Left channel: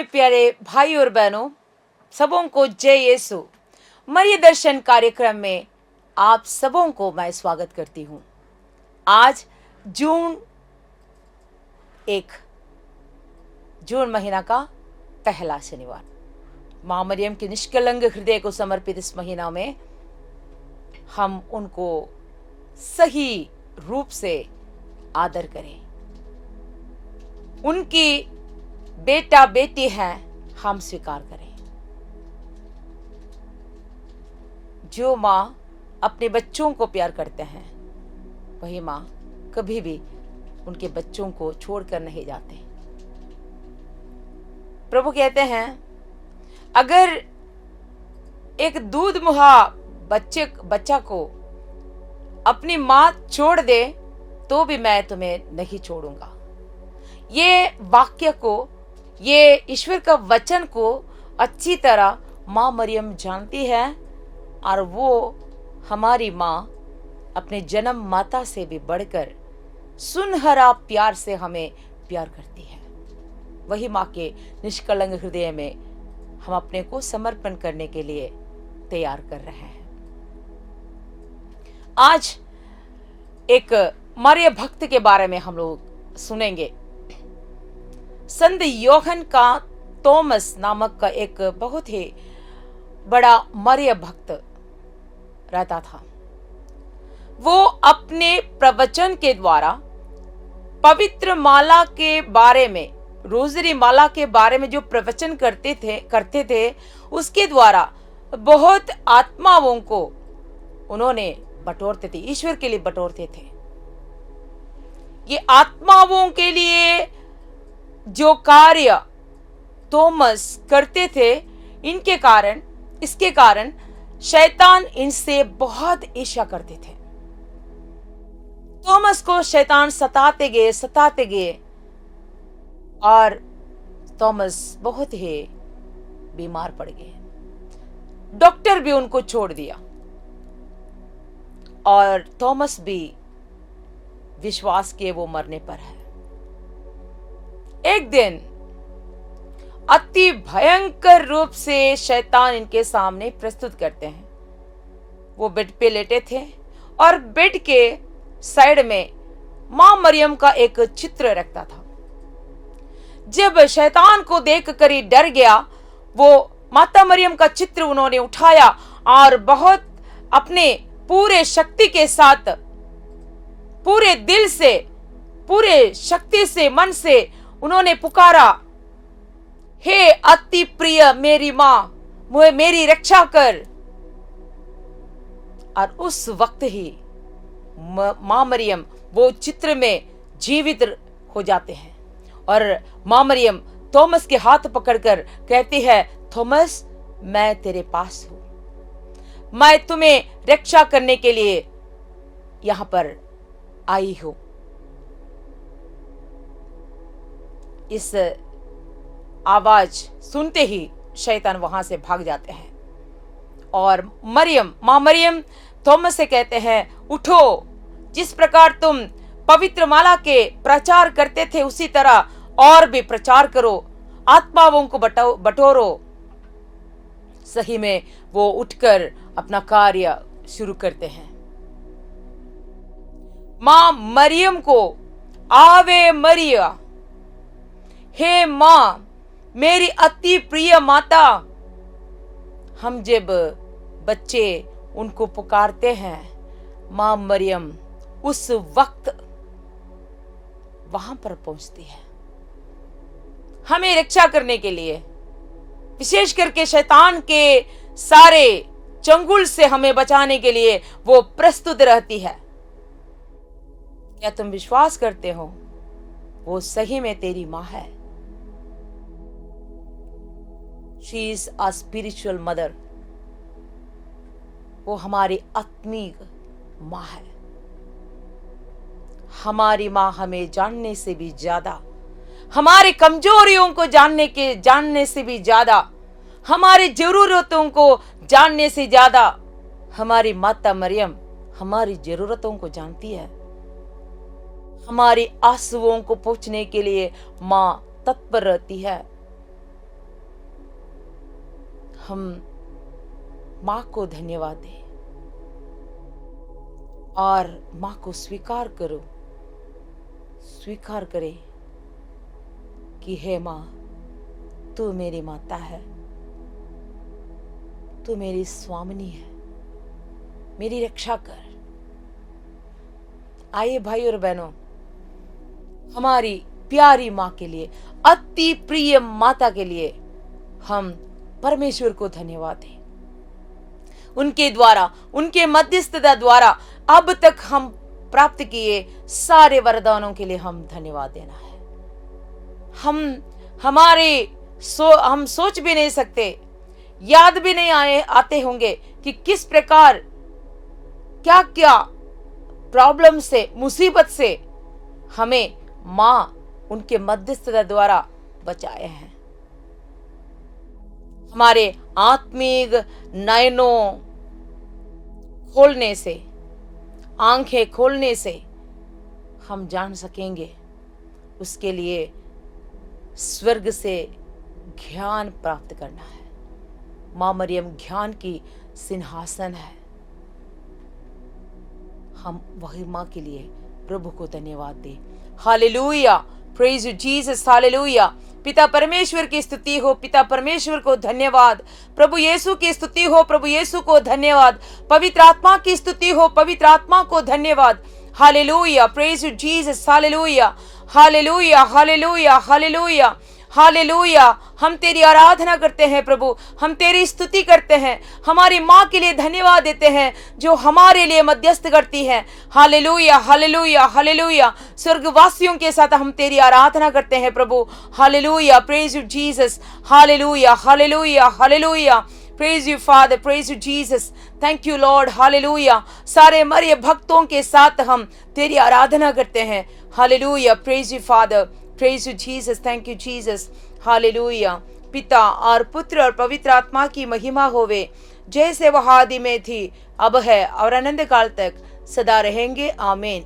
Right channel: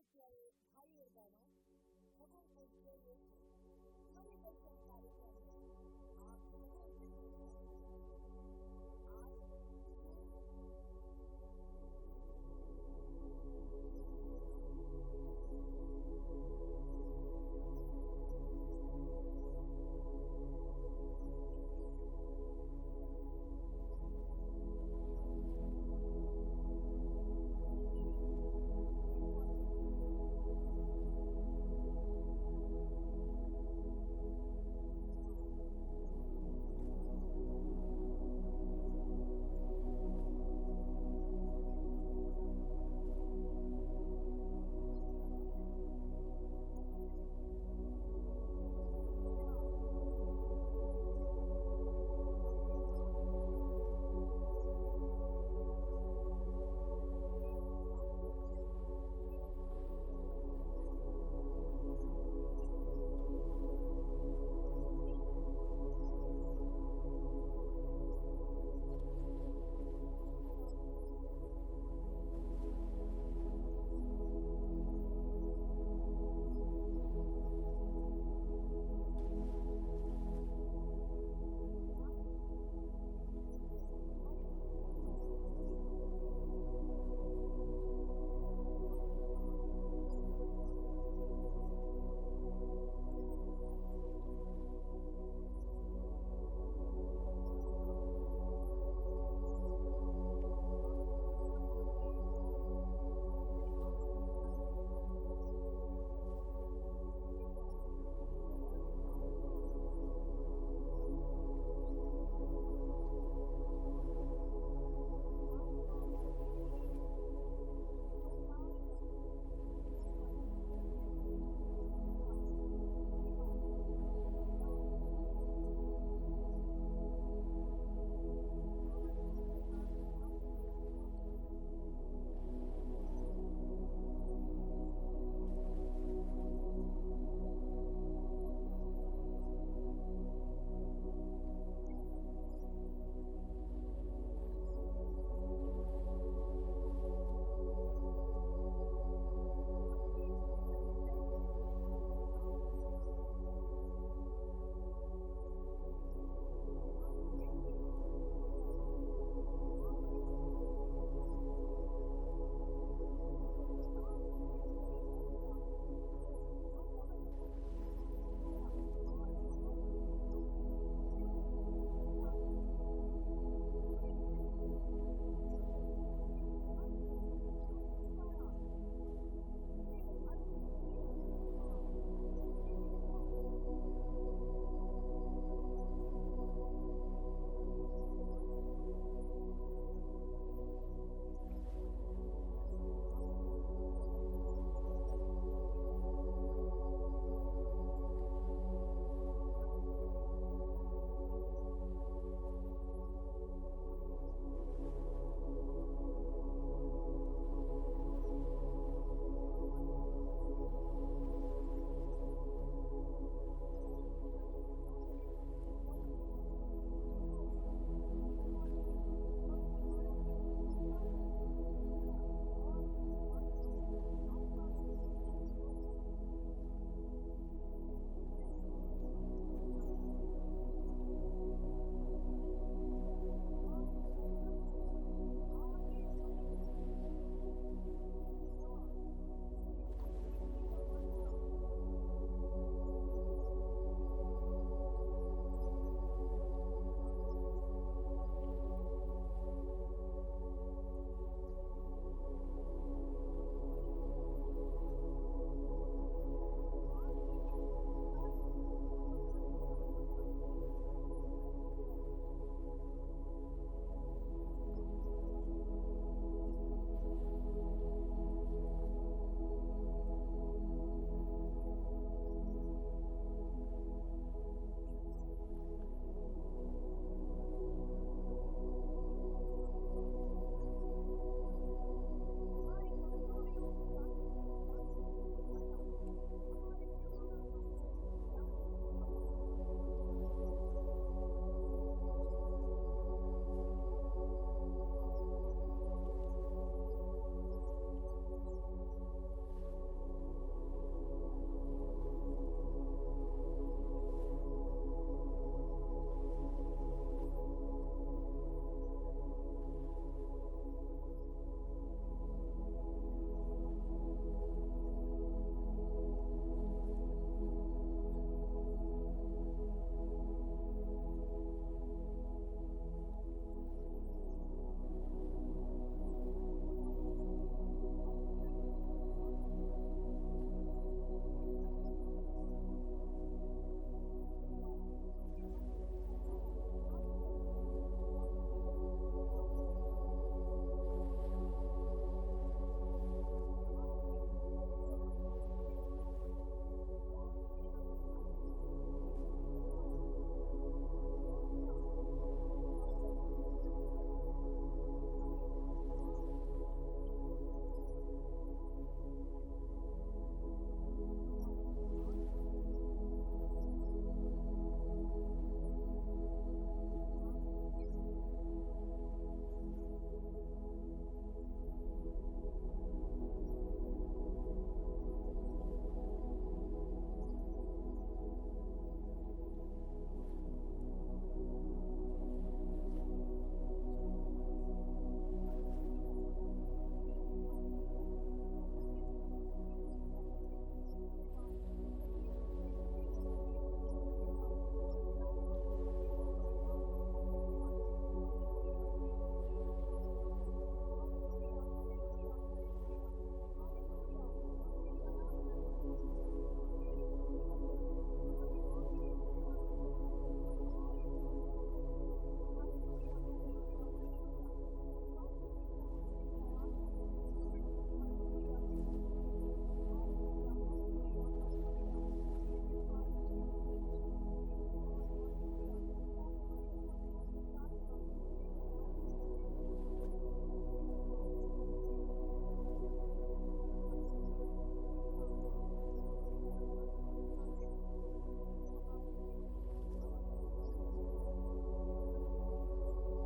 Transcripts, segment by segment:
में प्यारे भाई और बहनों, सबों को जय यीशु। मरिय दर्शन कार्यक्रम में आप सबों को मैं स्वागत करती हूँ। आज जून 1, जून महीना का पहला शनिवार। माँ मरियम के निष्कलंक हृदय को समर्पित इस महीना में हम उनको सही रूप से आदर करें। उनकी बेटा बेटी हैं, हम स्वीकार करें। जो माँ अपने बच्चों को प्यार करते हैं, वही माँ कभी भी उनके बच्चों को छोड़कर नहीं जाते। प्रभु कहते हैं, अगर एक दूध मुहा बच्चा को अपनी माँ छोड़ दे तो भी मैं तुम्हें नहीं छोड़ूंगा। ये वाक्य को, ये ईश्वर का वचन को अच्छी तरह माँ मरियम जानती है और वो हमारी माँ अपने जन्म माता से भी बढ़कर सुनहरा प्यार से हमें प्यार करती है। वही माँ के निष्कलंक हृदय में हम अपने को समर्पण करने के लिए तैयार कर रहे हैं। आज एक मरिय भक्त के बारे में हम लोग सुनेंगे। संत योहन का थॉमस नामक का एक बहुत ही बड़ा मरिय भक्त रहता था। वो अपने प्रवचन के द्वारा पवित्र माला के बारे में, रोजरी माला के बारे में जो प्रवचन करते थे, उसके द्वारा बहुत आत्माओं को उन्होंने बटोरते थे, ईश्वर के लिए बटोरते थे। ये आत्माओं के लिए जो कार्य थॉमस करते थे, इसके कारण शैतान इनसे बहुत ईर्ष्या करते थे। थॉमस को शैतान सताते गए और थॉमस बहुत ही बीमार पड़ गए। डॉक्टर भी उनको छोड़ दिया और थॉमस भी विश्वास किए वो मरने पर है। एक दिन अति भयंकर रूप से शैतान इनके सामने प्रस्तुत करते हैं। वो बेड पे लेटे थे और बेड के साइड में मां मरियम का एक चित्र रखता था। जब शैतान को देखकर ही डर गया, वो माता मरियम का चित्र उन्होंने उठाया और बहुत अपने पूरे शक्ति के साथ, पूरे दिल से, पूरे शक्ति से, मन से उन्होंने पुकारा, हे अति प्रिय मेरी माँ, मेरी रक्षा कर। और उस वक्त ही माँ मरियम वो चित्र में जीवित हो जाते हैं और माँ मरियम थॉमस के हाथ पकड़कर कहती है, थॉमस मैं तेरे पास हूं, मैं तुम्हें रक्षा करने के लिए यहां पर आई हूं। इस आवाज सुनते ही शैतान वहां से भाग जाते हैं और मां मरियम थॉमस से कहते हैं, उठो, जिस प्रकार तुम पवित्र माला के प्रचार करते थे उसी तरह और भी प्रचार करो, आत्माओं को बटोरो। सही में वो उठकर अपना कार्य शुरू करते हैं। मां मरियम को, आवे मरिया, हे मां मेरी अति प्रिय माता, हम जब बच्चे उनको पुकारते हैं, मां मरियम उस वक्त वहां पर पहुंचती है हमें रक्षा करने के लिए, विशेष करके शैतान के सारे चंगुल से हमें बचाने के लिए वो प्रस्तुत रहती है। क्या तुम विश्वास करते हो वो सही में तेरी मां है? She is a spiritual mother. वो हमारी आत्मिक माँ है। हमारी माँ हमें जानने से भी ज्यादा, हमारे कमजोरियों को जानने से भी ज्यादा, हमारी जरूरतों को जानने से ज्यादा हमारी माता मरियम हमारी जरूरतों को जानती है। हमारी आंसुओं को पोंछने के लिए माँ तत्पर रहती है। हम माँ को धन्यवाद दें और माँ को स्वीकार करो, स्वीकार करे कि हे माँ, तू मेरी माता है, तू मेरी स्वामिनी है, मेरी रक्षा कर। आइए भाई और बहनों, हमारी प्यारी माँ के लिए, अति प्रिय माता के लिए हम परमेश्वर को धन्यवाद दें। उनके द्वारा, उनके मध्यस्थता द्वारा अब तक हम प्राप्त किए सारे वरदानों के लिए हम धन्यवाद देना है। हम सोच भी नहीं सकते, याद भी नहीं आते होंगे कि किस प्रकार क्या क्या प्रॉब्लम से, मुसीबत से हमें माँ उनके मध्यस्थता द्वारा बचाए हैं। हमारे आत्मिक नयनों खोलने से, आंखें खोलने से हम जान सकेंगे। उसके लिए स्वर्ग से ज्ञान प्राप्त करना है। माँ मरियम ज्ञान की सिंहासन है। हम वही माँ के लिए प्रभु को धन्यवाद दें। Hallelujah, praise you Jesus, hallelujah. पिता परमेश्वर की स्तुति हो, पिता परमेश्वर को धन्यवाद। प्रभु यीशु की स्तुति हो, प्रभु यीशु को धन्यवाद। पवित्र आत्मा की स्तुति हो, पवित्र आत्मा को धन्यवाद। Hallelujah, praise you Jesus, hallelujah, hallelujah, hallelujah, hallelujah, hallelujah. हम तेरी आराधना करते हैं प्रभु, हम तेरी स्तुति करते हैं। हमारी माँ के लिए धन्यवाद देते हैं जो हमारे लिए मध्यस्थ करती है। Hallelujah, hallelujah, hallelujah. स्वर्गवासियों के साथ हम तेरी आराधना करते हैं प्रभु। Hallelujah, praise you Jesus, hallelujah, hallelujah, hallelujah. Praise you father, praise you Jesus, thank you Lord, hallelujah. सारे मरे भक्तों के साथ हम तेरी आराधना करते हैं। Hallelujah, praise you father, praise you Jesus, thank you Jesus, hallelujah. पिता और पुत्र और पवित्र आत्मा की महिमा होवे, जैसे वह आदि में थी, अब है और अनंत काल तक सदा रहेंगे, आमीन।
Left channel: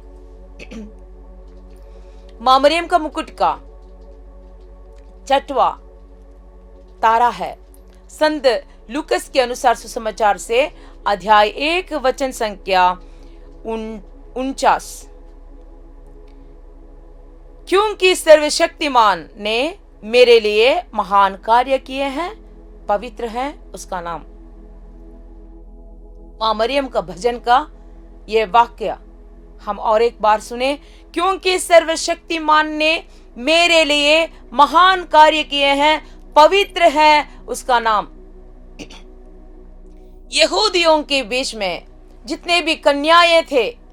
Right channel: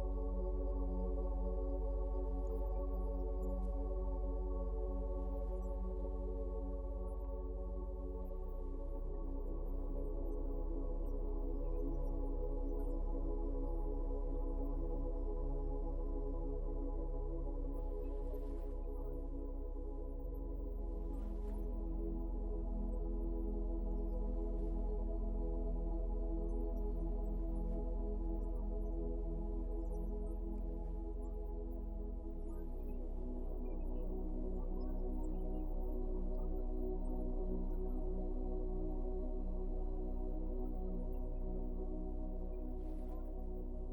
माँ मरियम का मुकुट का 6वां तारा है। संत लूकस के अनुसार सुसमाचार से अध्याय 1 वचन संख्या 49। क्योंकि सर्वशक्तिमान ने मेरे लिए महान कार्य किए हैं, पवित्र है उसका नाम। माँ मरियम का भजन का यह वाक्य हम और एक बार सुने। क्योंकि सर्वशक्तिमान ने मेरे लिए महान कार्य किए हैं, पवित्र है उसका नाम। यहूदियों के बीच में जितने भी कन्याएं थे,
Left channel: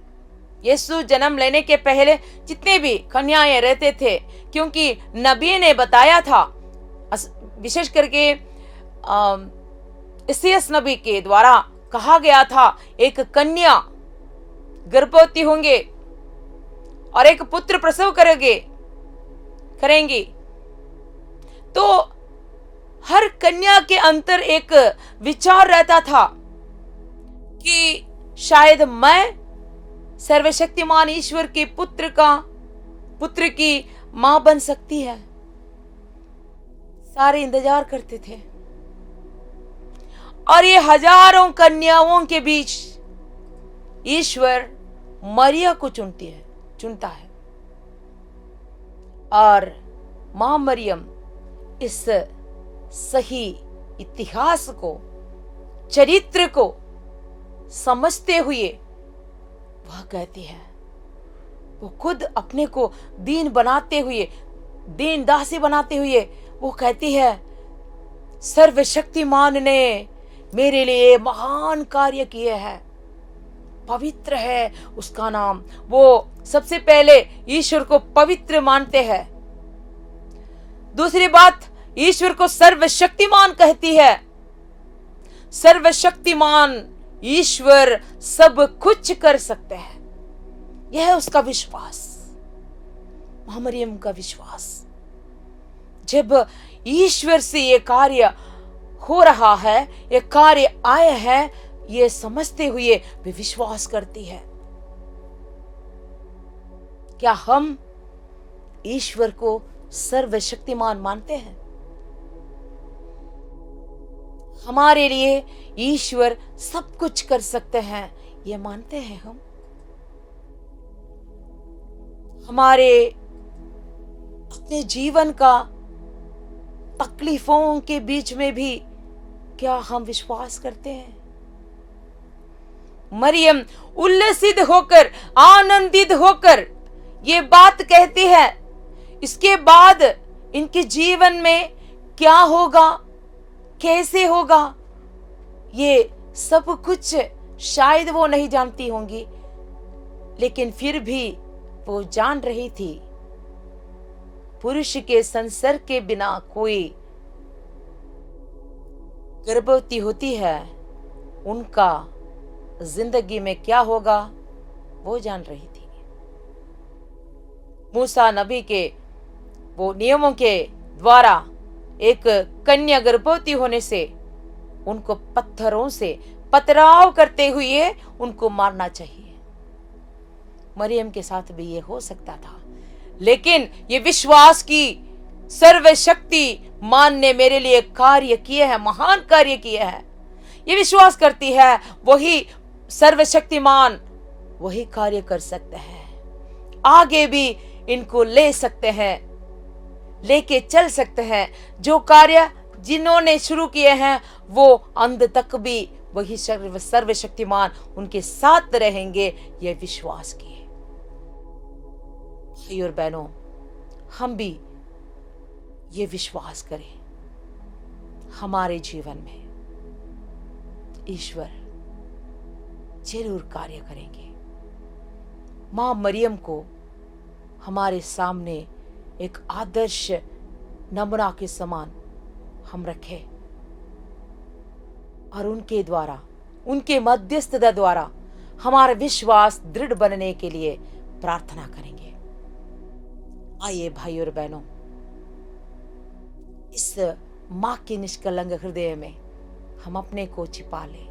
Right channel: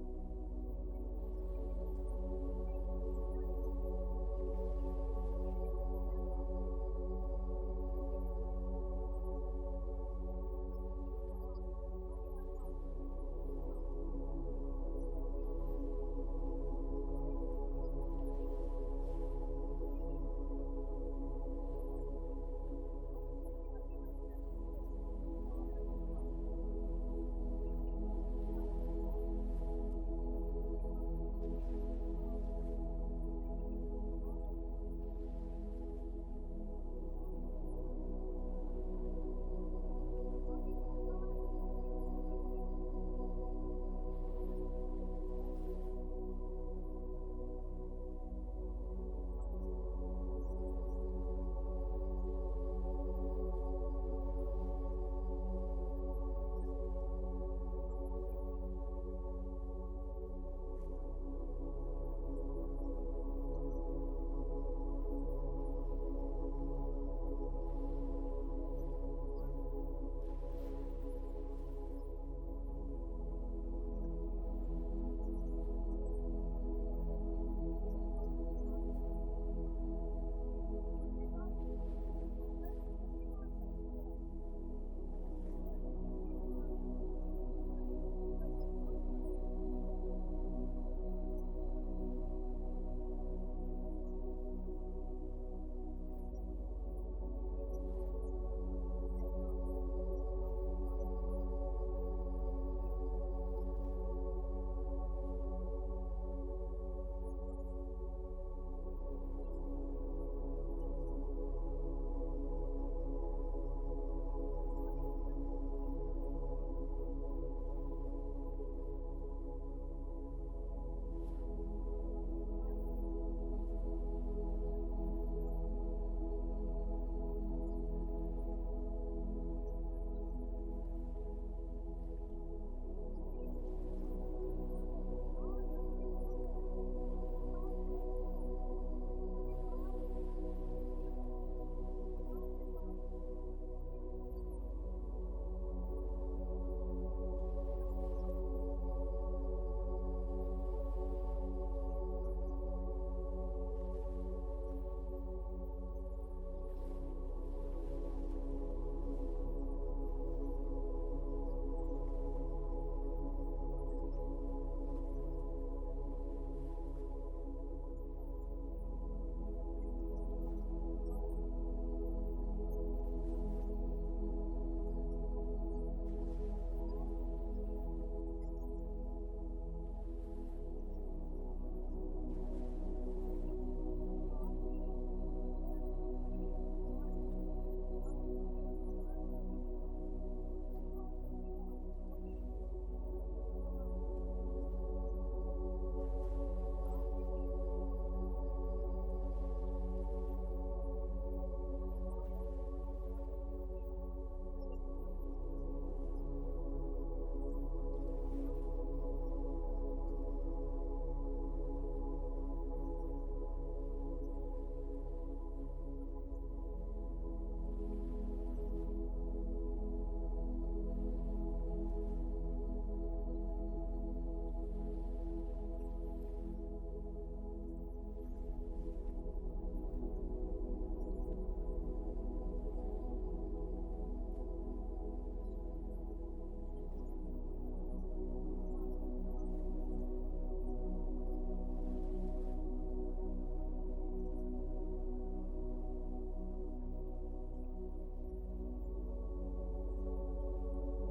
यीशु जन्म लेने के पहले जितने भी कन्याएं रहते थे, क्योंकि नबी ने बताया था, विशेष करके इसायाह नबी के द्वारा कहा गया था, एक कन्या गर्भवती होंगे और एक पुत्र प्रसव करेंगी। तो हर कन्या के अंदर एक विचार रहता था कि शायद मैं सर्वशक्तिमान ईश्वर के पुत्र की मां बन सकती है। सारे इंतजार करते थे और ये हजारों कन्याओं के बीच ईश्वर मरिया को चुनता है और मां मरियम इस सही इतिहास को, चरित्र को समझते हुए वह कहती है, वो खुद अपने को दीन बनाते हुए, दीन दासी बनाते हुए वो कहती है, सर्वशक्तिमान ने मेरे लिए महान कार्य किए हैं, पवित्र है उसका नाम। वो सबसे पहले ईश्वर को पवित्र मानते हैं। दूसरी बात, ईश्वर को सर्वशक्तिमान कहती है। सर्वशक्तिमान ईश्वर सब कुछ कर सकते हैं, यह है उसका विश्वास, मां मरियम का विश्वास। जब ईश्वर से ये कार्य हो रहा है, ये कार्य आया है, ये समझते हुए वे विश्वास करती है। क्या हम ईश्वर को सर्वशक्तिमान मानते हैं? हमारे लिए ईश्वर सब कुछ कर सकते हैं, ये मानते हैं हम? हमारे अपने जीवन का तकलीफों के बीच में भी क्या हम विश्वास करते हैं? मरियम उल्लसित होकर, आनंदित होकर ये बात कहती है। इसके बाद इनके जीवन में क्या होगा, कैसे होगा, ये सब कुछ शायद वो नहीं जानती होंगी, लेकिन फिर भी वो जान रही थी पुरुष के संसर्ग के बिना कोई गर्भवती होती है, उनका जिंदगी में क्या होगा वो जान रही थी। मूसा नबी के वो नियमों के द्वारा एक कन्या गर्भवती होने से उनको पत्थरों से पथराव करते हुए उनको मारना चाहिए। मरियम के साथ भी ये हो सकता था, लेकिन ये विश्वास की सर्वशक्ति मान ने मेरे लिए कार्य किए हैं, महान कार्य किए हैं। ये विश्वास करती है वही सर्वशक्तिमान वही कार्य कर सकते हैं, आगे भी इनको ले सकते हैं, लेके चल सकते हैं। जो कार्य जिन्होंने शुरू किए हैं वो अंत तक भी वही सर्वशक्तिमान उनके साथ रहेंगे, ये विश्वास किए। भाई और बहनों, हम भी ये विश्वास करें, हमारे जीवन में ईश्वर जरूर कार्य करेंगे। मां मरियम को हमारे सामने एक आदर्श नमूना के समान हम रखें और उनके द्वारा, उनके मध्यस्थता द्वारा हमारा विश्वास दृढ़ बनने के लिए प्रार्थना करेंगे। आइए भाई और बहनों, इस मां के निष्कलंक हृदय में हम अपने को छिपा लें।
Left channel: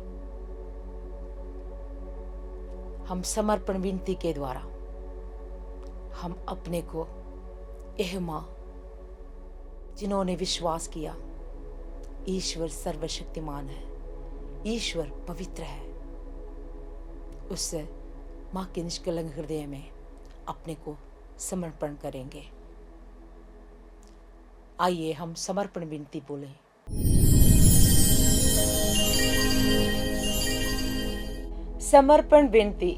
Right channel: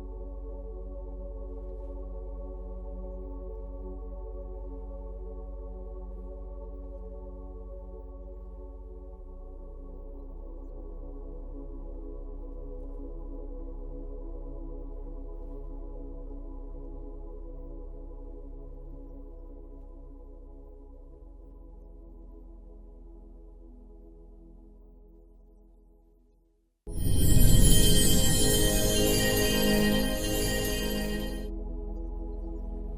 हम समर्पण विनती के द्वारा हम अपने को, यह मां जिन्होंने विश्वास किया ईश्वर सर्वशक्तिमान है, ईश्वर पवित्र है, उस मां के निष्कलंक हृदय में अपने को समर्पण करेंगे। आइए हम समर्पण विनती बोलें। समर्पण विनती।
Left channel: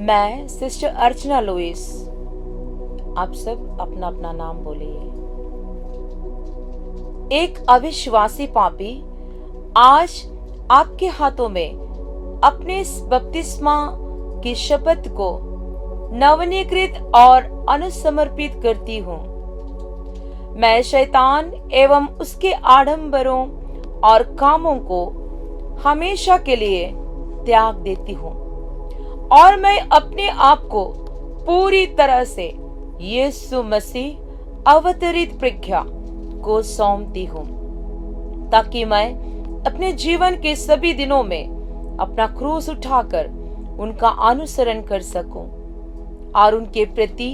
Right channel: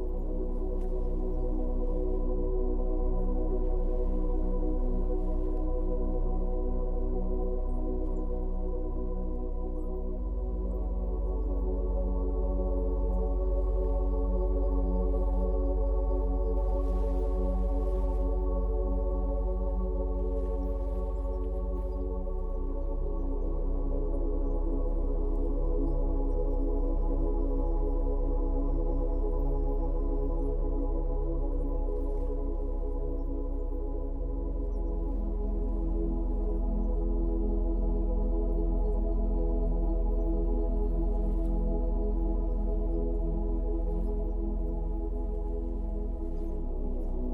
मैं सिस्टर अर्चना लुइस, आप सब अपना अपना नाम बोलिए। एक अविश्वासी पापी आज आपके हाथों में अपने बपतिस्मा की शपथ को नवनीकृत और अनुसमर्पित करती हूँ। मैं शैतान एवं उसके आडंबरों और कामों को हमेशा के लिए त्याग देती हूँ और मैं अपने आप को पूरी तरह से यीशु मसीह अवतरित प्रज्ञा को सौंपती हूँ, ताकि मैं अपने जीवन के सभी दिनों में अपना क्रूस उठाकर उनका अनुसरण कर सकूं और उनके प्रति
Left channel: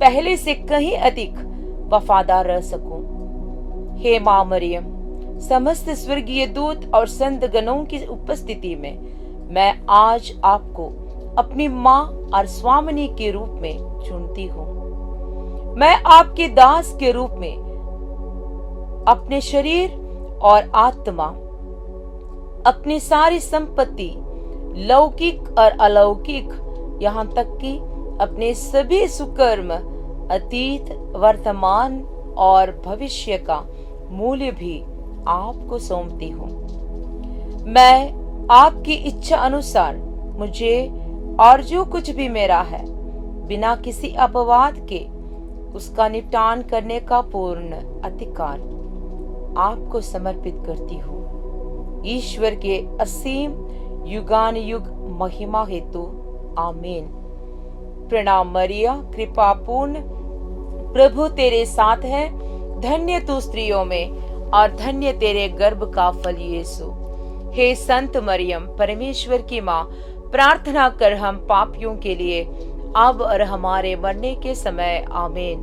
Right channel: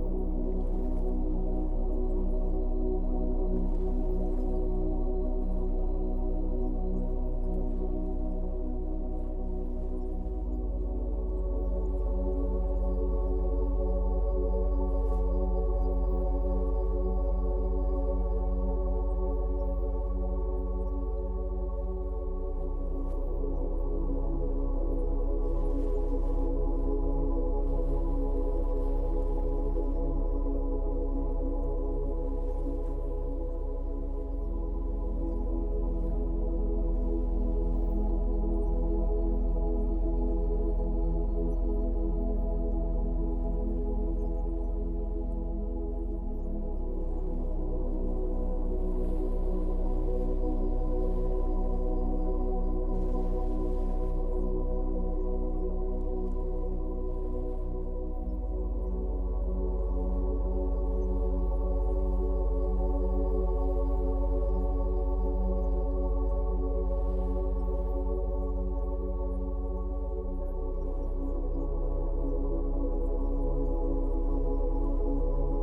पहले से कहीं अधिक वफादार रह सकूं। हे मां मरियम, समस्त स्वर्गीय दूत और संत गणों की उपस्थिति में मैं आज आपको अपनी मां और स्वामिनी के रूप में चुनती हूँ। मैं आपके दास के रूप में अपने शरीर और आत्मा, अपनी सारी संपत्ति, लौकिक और अलौकिक, यहाँ तक कि अपने सभी सुकर्म, अतीत, वर्तमान और भविष्य का मूल्य भी आपको सौंपती हूँ। मैं आपकी इच्छा अनुसार मुझे और जो कुछ भी मेरा है, बिना किसी अपवाद के उसका निपटान करने का पूर्ण अधिकार आपको समर्पित करती हूँ। ईश्वर के असीम युगान युग महिमा हेतु आमीन। प्रणाम मरिया, कृपा पूर्ण, प्रभु तेरे साथ है, धन्य तू स्त्रियों में और धन्य तेरे गर्भ का फल यीशु। हे संत मरियम, परमेश्वर की माँ, प्रार्थना कर हम पापियों के लिए अब और हमारे मरने के समय आमीन।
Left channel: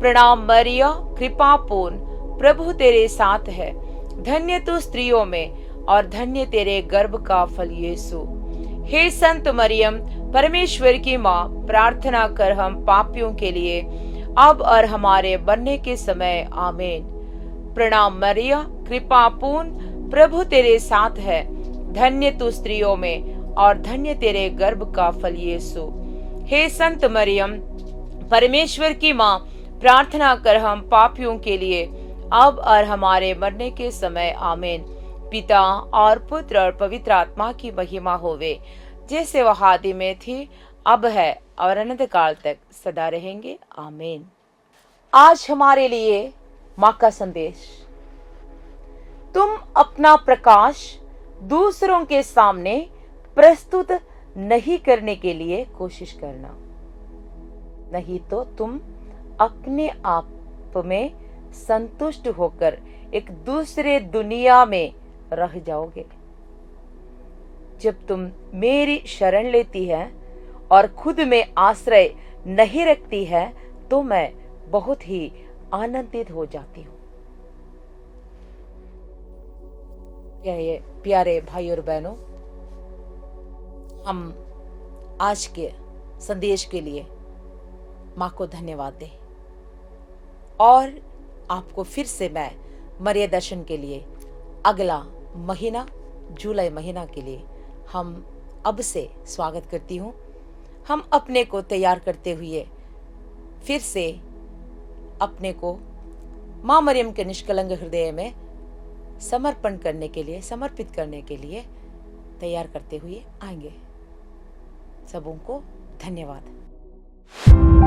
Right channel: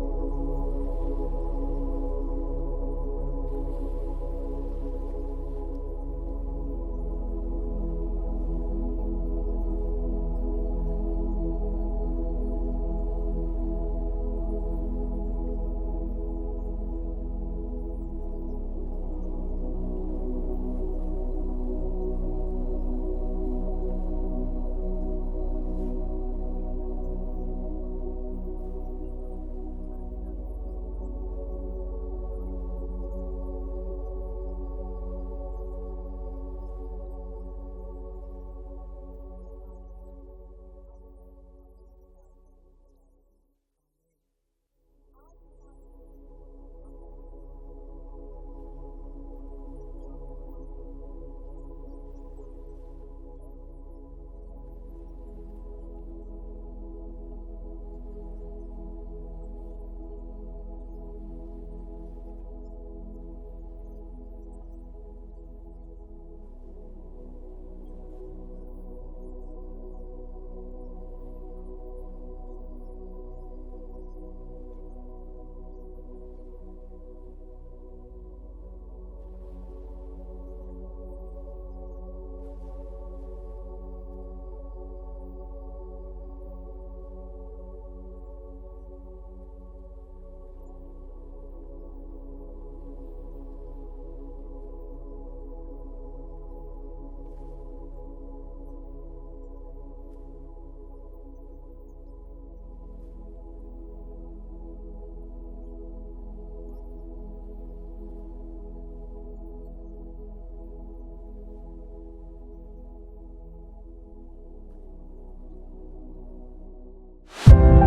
प्रणाम मरिया, कृपा पूर्ण, प्रभु तेरे साथ है, धन्य तू स्त्रियों में और धन्य तेरे गर्भ का फल यीशु। हे संत मरियम, परमेश्वर की माँ, प्रार्थना कर हम पापियों के लिए अब और हमारे मरने के समय। आमीन। प्रणाम मरिया, कृपा पूर्ण, प्रभु तेरे साथ है। धन्य तू स्त्रियों में और धन्य तेरे गर्भ का फल यीशु। हे संत मरियम, परमेश्वर की माँ, प्रार्थना कर हम पापियों के लिए अब और हमारे मरने के समय। आमीन। पिता और पुत्र और पवित्र आत्मा की महिमा होवे, जैसे वह आदि में थी, अब है और अनंत काल तक सदा रहेंगे। आमीन। आज हमारे लिए माँ का संदेश, तुम अपना प्रकाश दूसरों के सामने प्रस्तुत नहीं करने के लिए कोशिश करना, नहीं तो तुम अपने आप में संतुष्ट होकर एक दूसरे दुनिया में रह जाओगे। जब तुम मेरी शरण लेती है और खुद में आश्रय नहीं रखती है, तो मैं बहुत ही आनंदित हो जाती हूँ। प्यारे भाई और बहनों, हम आज के संदेश के लिए माँ को धन्यवाद दें और आपको फिर से मैं मरिया दर्शन के लिए अगला महीना, जुलाई महीना के लिए हम अब से स्वागत करती हूँ। हम अपने को तैयार करते हुए फिर से अपने को माँ मरियम के निष्कलंक हृदय में समर्पण करने के लिए, समर्पित करने के लिए तैयार करते हुए आएंगे। सबों को धन्यवाद।